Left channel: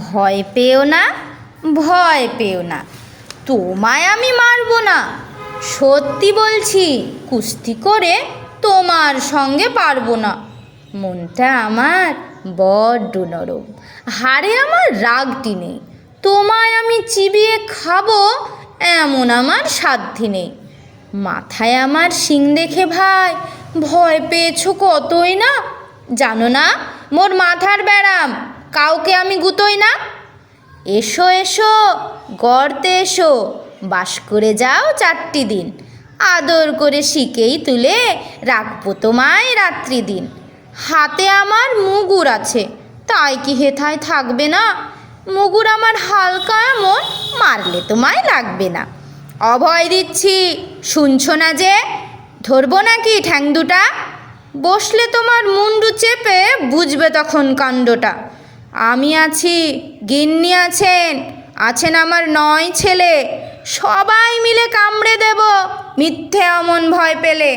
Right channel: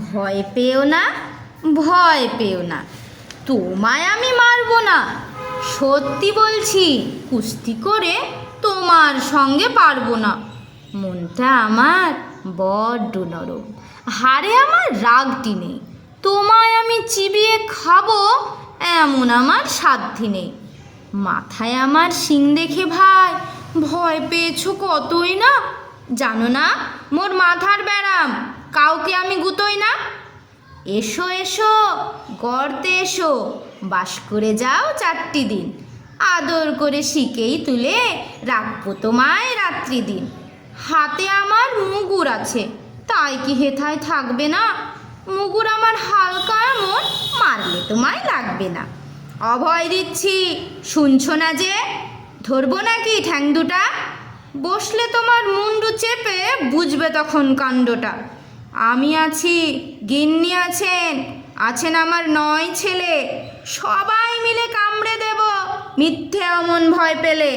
ভয় পেও না, ভয় পেও না, তোমায় আমি মারবো না। সত্যি বলছি, কুস্তি করে তোমার সঙ্গে পারবো না। মনটা আমার বড্ড নরম, হাড়ে আমার রাগটি নেই। তোমায় আমি চিবিয়ে খাবো এমন আমার সাধ্যি নেই। মাথায় আমার শিং দেখে ভাই ভয় পেয়েছো কতই না। জানো না মোর মাথার ব্যারাম, কাউকে আমি গুতোই না। এসো এসো গর্তে এসো, বাস করে যাও 4টি দিন। আদর করে শিকেই তুলে রাখবো তোমায় রাত্রি দিন। হাতে আমার মুগুর আছে, তাই কি হেথায় থাকবে না? মুগুর আমার হালকা এমন, মারলে তোমায় লাগবে না। অভয় দিচ্ছি, শুনছো না যে? ধরবো নাকি ঠ্যাং দুটা? বসলে তোমার মুন্ডু চেপে বুঝবে তখন কাণ্ডটা। আমি আছি, গিন্নি আছেন, আছেন আমার 9 ছেলে। সবাই মিলে কামড়ে দেব মিথ্যে অমন ভয় পেলে।